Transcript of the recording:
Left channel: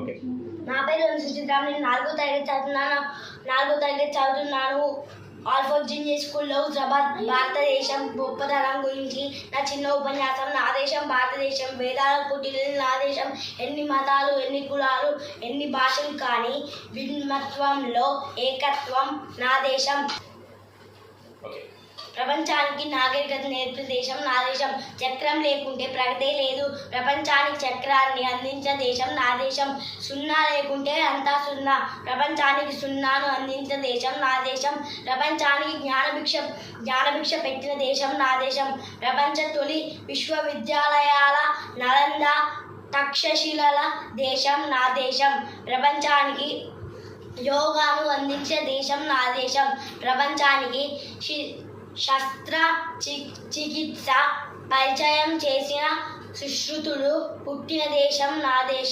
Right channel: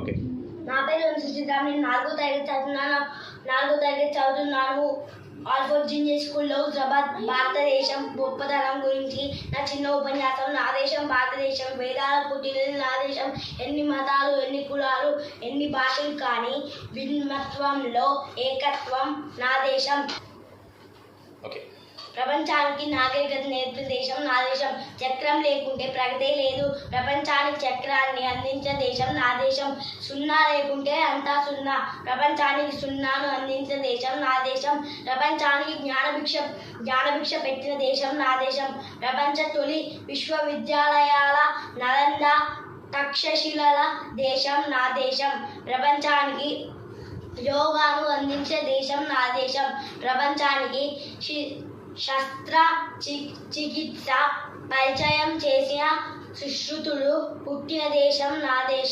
Okay. నా పేరు సుచిత్ర. నేను 4వ తరగతి చదువుతున్నాను. ఆల్ఫోర్డ్ జూనియర్ స్కూల్లో హుజరాబాద్. భారతదేశం గొప్పతనం గురించి నా చిన్న ఉపన్యాసం. నా దేశం భారతదేశం, వేదాల పుట్టినది నా దేశం. ఎన్ని మతాలు, ఎన్ని కులాలు, ఎన్ని భాషలు కానీ భిన్నత్వంలో ఏకత్వం నా దేశం. ప్రపంచానికి నాగరికత నేర్పిన దేశం నా దేశం. చక్రం లేకుంటే ప్రగతే లేదు. ప్రపంచానికి చక్రాన్ని అందించిన దేశం నా దేశం. సున్నా లేకుంటే అంతా సున్నా. ప్రపంచానికి సున్నాను అందించిన దేశం నా దేశం. ప్రపంచానికి జ్ఞానభిక్ష పెట్టిన దేశం నా దేశం. ప్రపంచ తొలి విశ్వవిద్యాలయాల నలంద తక్షశిలల దేశం నా దేశం. ప్రపంచానికి యోగాను అందించే దేశం నా దేశం. ప్రపంచానికి శస్త్ర చికిత్స పరిచయం చేసిన సుశ్రుతులు పుట్టిన దేశం నా దేశం.